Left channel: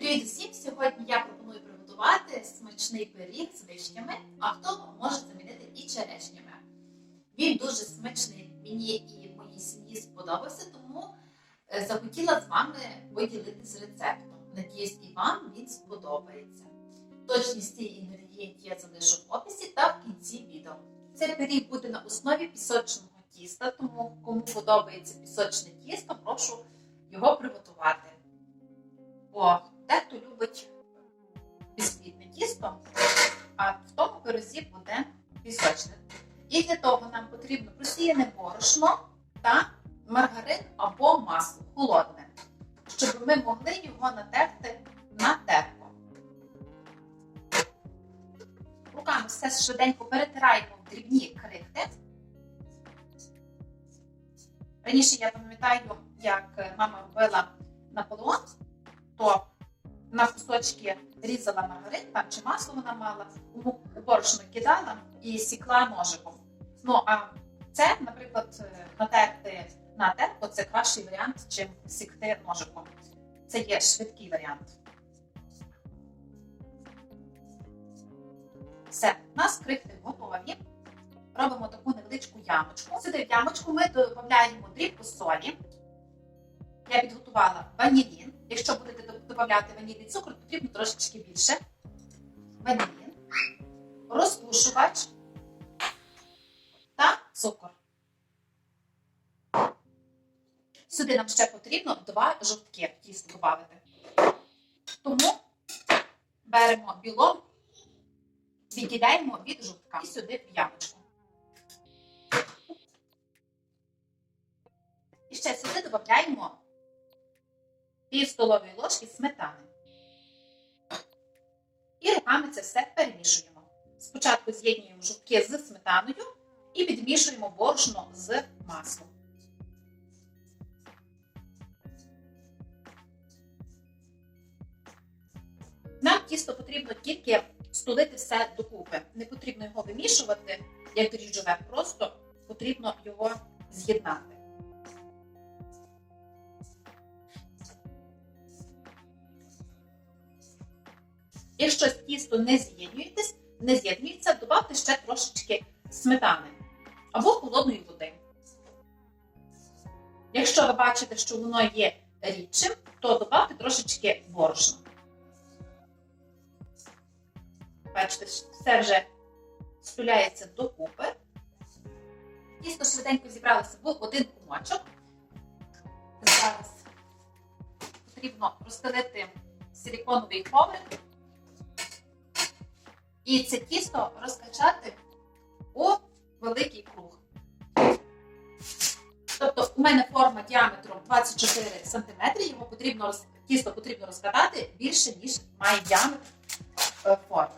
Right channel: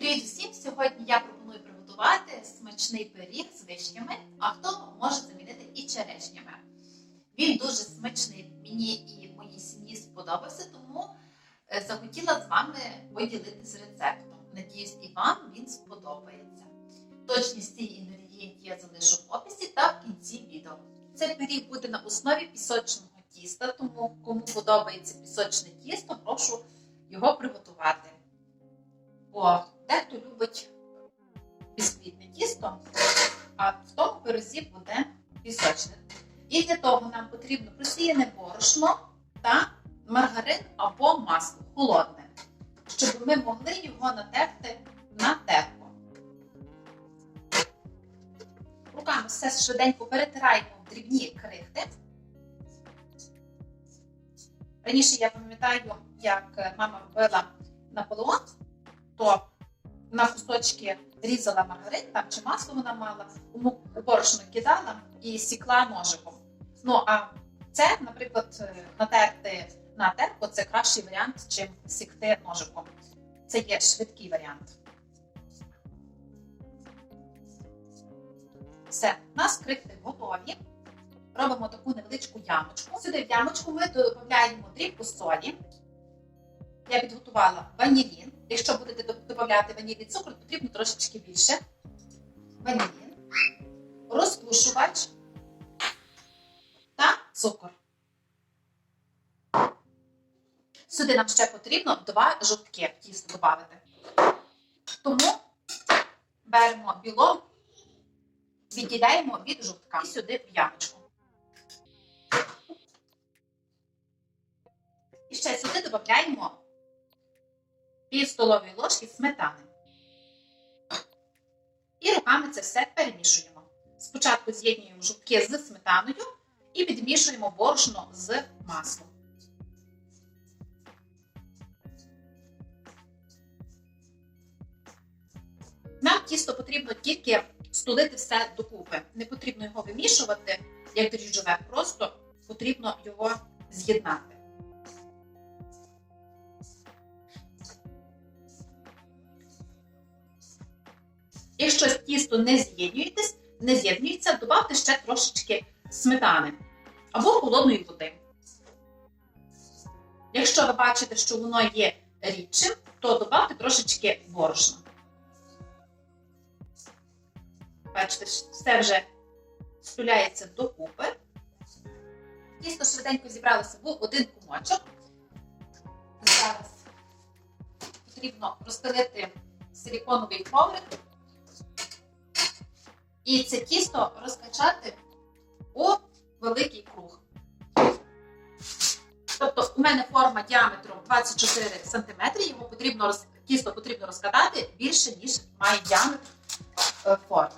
Привіт усім! Сьогодні я пропоную приготувати смачний пиріг з вишнями, а хто може замінити і черешнями. Він дуже смачний, мені і моїй сім'ї сподобався, тому е, захотіла з вами поділитися рецептом. Надіюсь, і вам він сподобається. Точність цих інгредієнтів я залишу в описі та в кінці відео. Цей пиріг буде на основі пісочного тіста, тому кому подобається пісочне тісто, прошу його приготувати. Бо в буде пісочне. І для того нам потрібно просіяне борошно та маргарин або масло холодне, щоб ми могли його натерти на терку. Руками все швиденько перетираємо в дрібні крихти. Раніше я пам'ятаю, як мама робила Наполеон, то на кусочки різала маргарин там, чи масло вона мала, у борошно кидала і сікла ножиком. Ну а це, наприклад, натерти на терку це кращий варіант, чим сікти ножиком. Це є швидкий варіант. Все, у нас крихти готові. Робимо таку невеличку ямочку. Сюди в ямочку ми додаємо дрібку солі. Я підготувала ванілін. Якщо будете до- додавати ванільний цукор, потрібно трошечки більше. Ванілін, розпушувач та цукор. Сюди нам ще потрібно два жовтки тісто додати. Тому беремо білок, відділяємо від жовтка сюди в ямочку. І ще сюди додаємо пів столової ложки сметани. І руками це все перемішуємо. Спочатку з'єднуємо жовтки з сметаною і підмішуємо борошно з маслом. Нам тісто потрібно тільки стулити все докупи. Не потрібно його вимішувати, як дріжджове, просто потрібно його з'єднати. Якщо тісто не з'єднуєтесь, не з'єднується, додавте ще трошечки сметани або холодної води. Якщо ви бачите, що воно є рідшим, то додавте трошечки борошна. Бачите, все вже стуляється докупи. Тісто швиденько зібралося в один кумочок. Зараз потрібно розстелити силіконовий коврик і це тісто розкачати у великий круг. Тобто у мене форма діаметром 24 см, його потрібно роз... тісто потрібно розкатати більше, ніж має діаметр е, форми.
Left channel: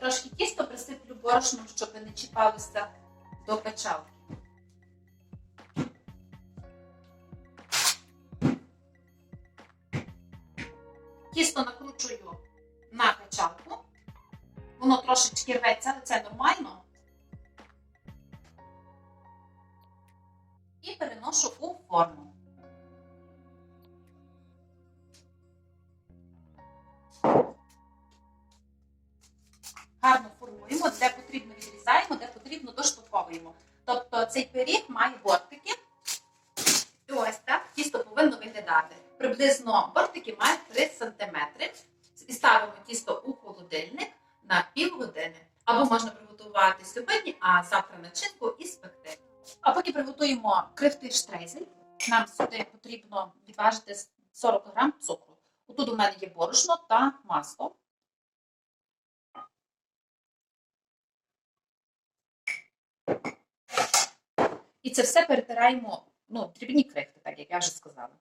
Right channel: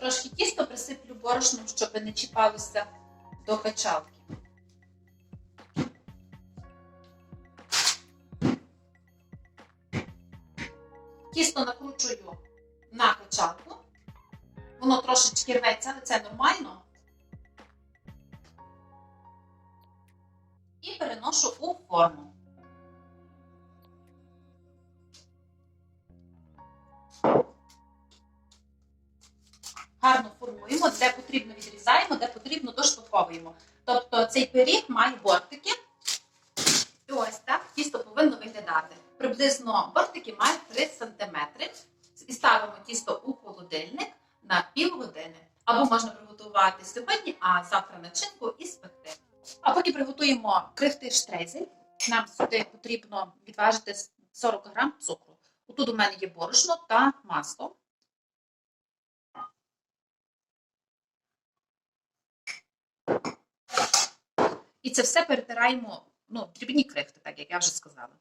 Трошки тісто присиплю борошном, щоб не чіпалося до качалки. Тісто накручую на качалку. Воно трошечки рветься, але це нормально. І переношу у форму. Гарно формуємо, де потрібно відрізаємо, де потрібно доштовховуємо. Тобто цей пиріг має бортики. І ось так тісто повинно виглядати. Приблизно бортики мають 3 см. І ставимо тісто у холодильник на півгодини. Або можна приготувати сьогодні, а завтра начинку і спекти. А поки приготуємо крихти штрейзель, нам сюди потрібно відважити 40 г цукру. Тут у мене є борошно та масло. І це все перетираємо ну, дрібні крихти, так як я вже сказала.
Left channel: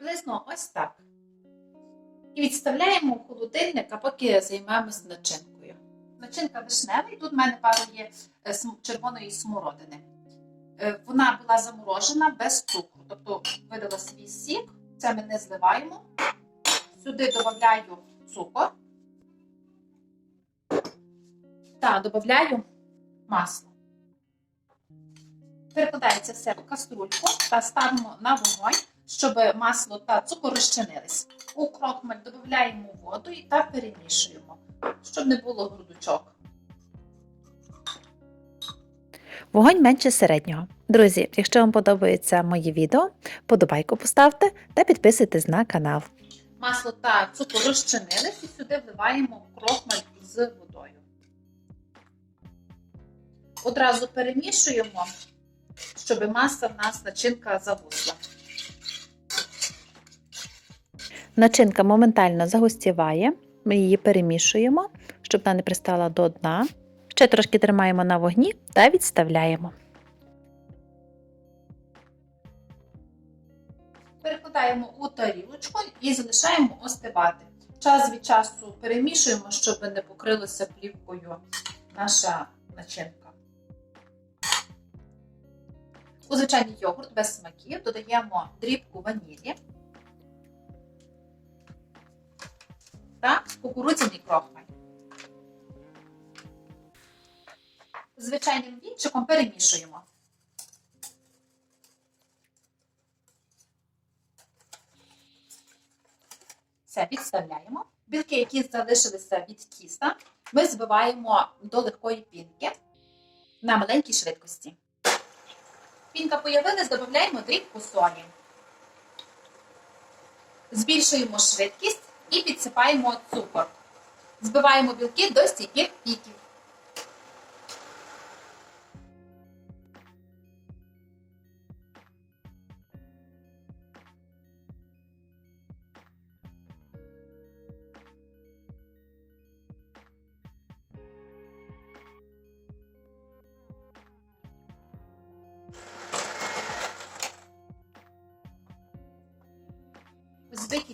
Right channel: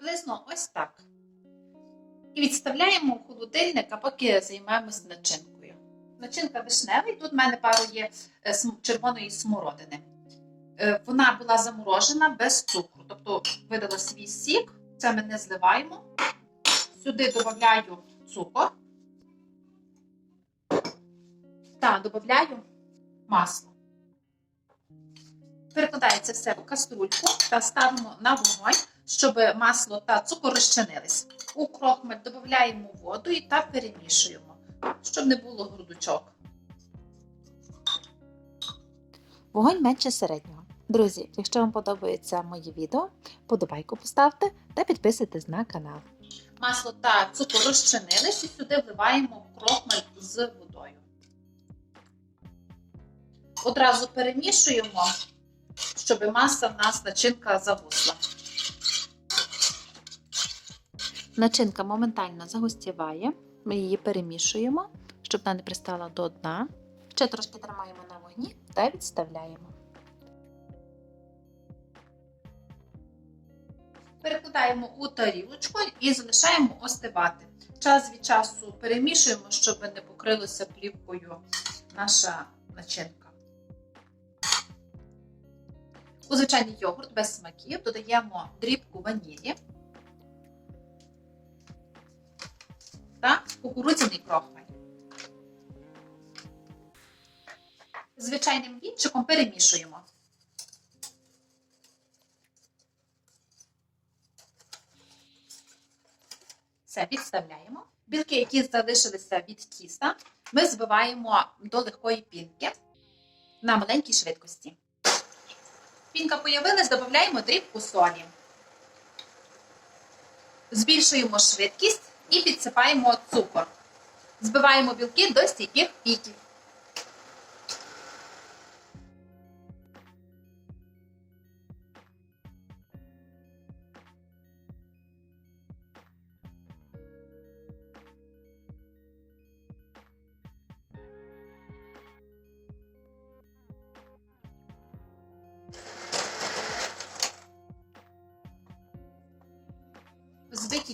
Приблизно ось так. І відставляємо в холодильник, а поки займаємось начинкою. Начинка вишнева, і тут в мене пару є е, червоної смородини. Е, Вона була заморожена без цукру, тобто видала свій сік, це ми не зливаємо. Сюди додаю цукор та додаю масло. Перекладається все в каструльку та ставимо на вогонь, щоб масло та цукор розчинились. У крохмаль додаємо воду і та перемішуємо, щоб не було грудочок. Вогонь менше середнього. Друзі, якщо вам подобається моє відео, подобайку поставте та підписуйтесь на канал. Масло та цукор розчинились і сюди вливаємо крохмаль з водою. Одразу перемішуємо, щоб маса в нас начинка загусла. Начинка моментально загустіває, ми її перемішуємо, щоб вона не пристала до дна. Ще трошки тримаємо на вогні та відставляємо. Перекладаємо у тарілочку і залишаємо остивати. Час від часу перемішуємо, щоб не покрилося плівкою наша начинка. У звичайний йогурт без смаків додаємо дрібку ванілі та кукурудзяний крохмаль. Звичайним вінчиком перемішуємо. Все підставляємо. Білки, які залишилися від тіста, ми збиваємо до легкої пінки на маленькій швидкості. Пінка появилась, додаємо дрібку солі. Збільшуємо швидкість і підсипаємо цукор. Збиваємо білки до стійких піків.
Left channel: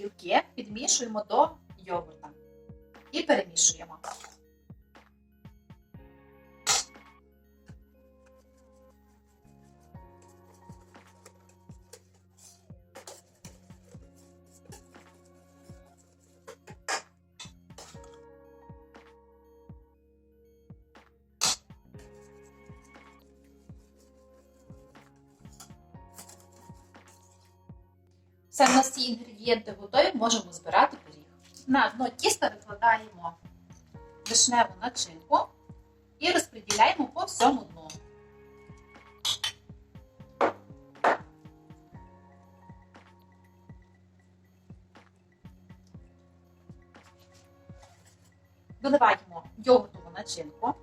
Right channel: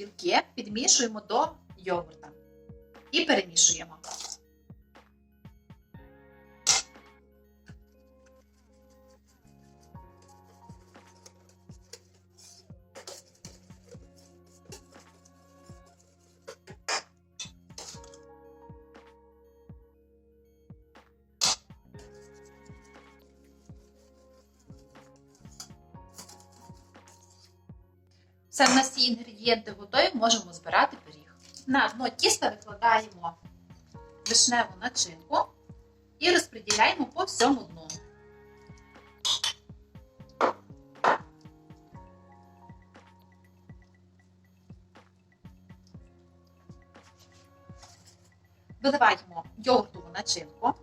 Білки підмішуємо до йогурта і перемішуємо. Все, в нас ці інгредієнти готові, можемо збирати пиріг. На дно тіста викладаємо вишневу начинку і розподіляємо по всьому дну. Виливаємо йогуртову начинку.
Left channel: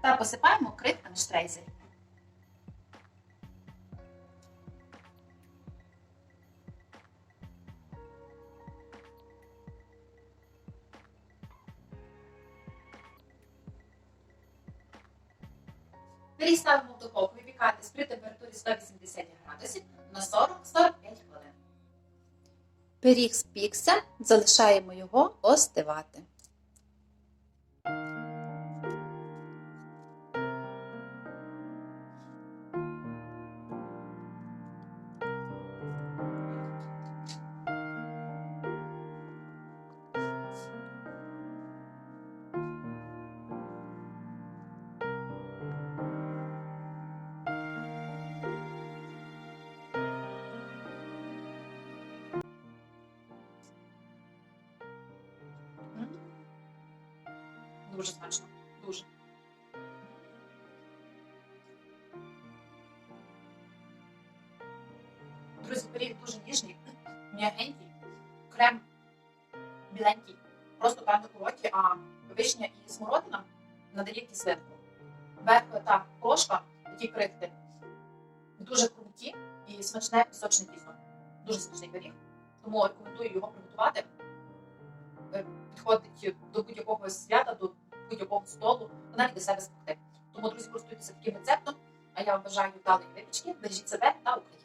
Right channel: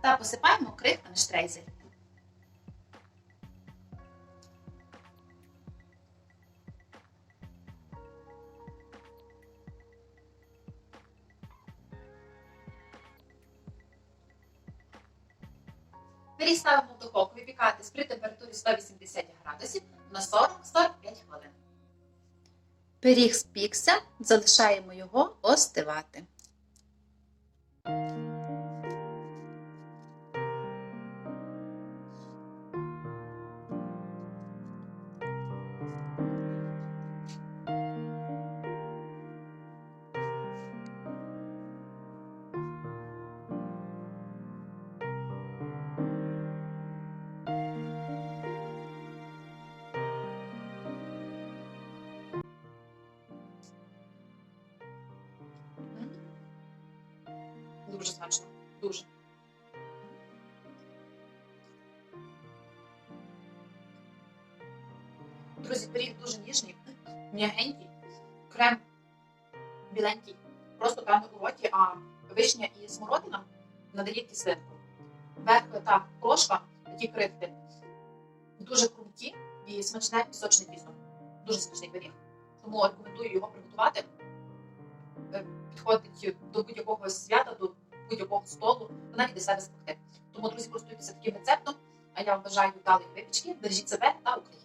Та посипаємо крихтами штрейзель. Пиріг ставимо в духовку випікатись при температурі 180 градусів на 40-45 хвилин. Пиріг спікся, залишаємо його остивати. Дуже смачно. Дуже. Друзі, пиріг дуже ніжний, м'ягенький, крем біленький, просто прямо у роті, а вишня і смородина надають кислинку. Верх та крошка, такі крихти, дуже круті і смачне пісочне тісто. Дуже смачний пиріг. Тому рекомендую його приготувати. Е, Підходить до будь-якого свята, до будь-якого столу, навіть до себе спекти. Тому, друзі, користуйтеся таким рецептом. А я вам бажаю вдалої випічки. Бережіть себе та Україну.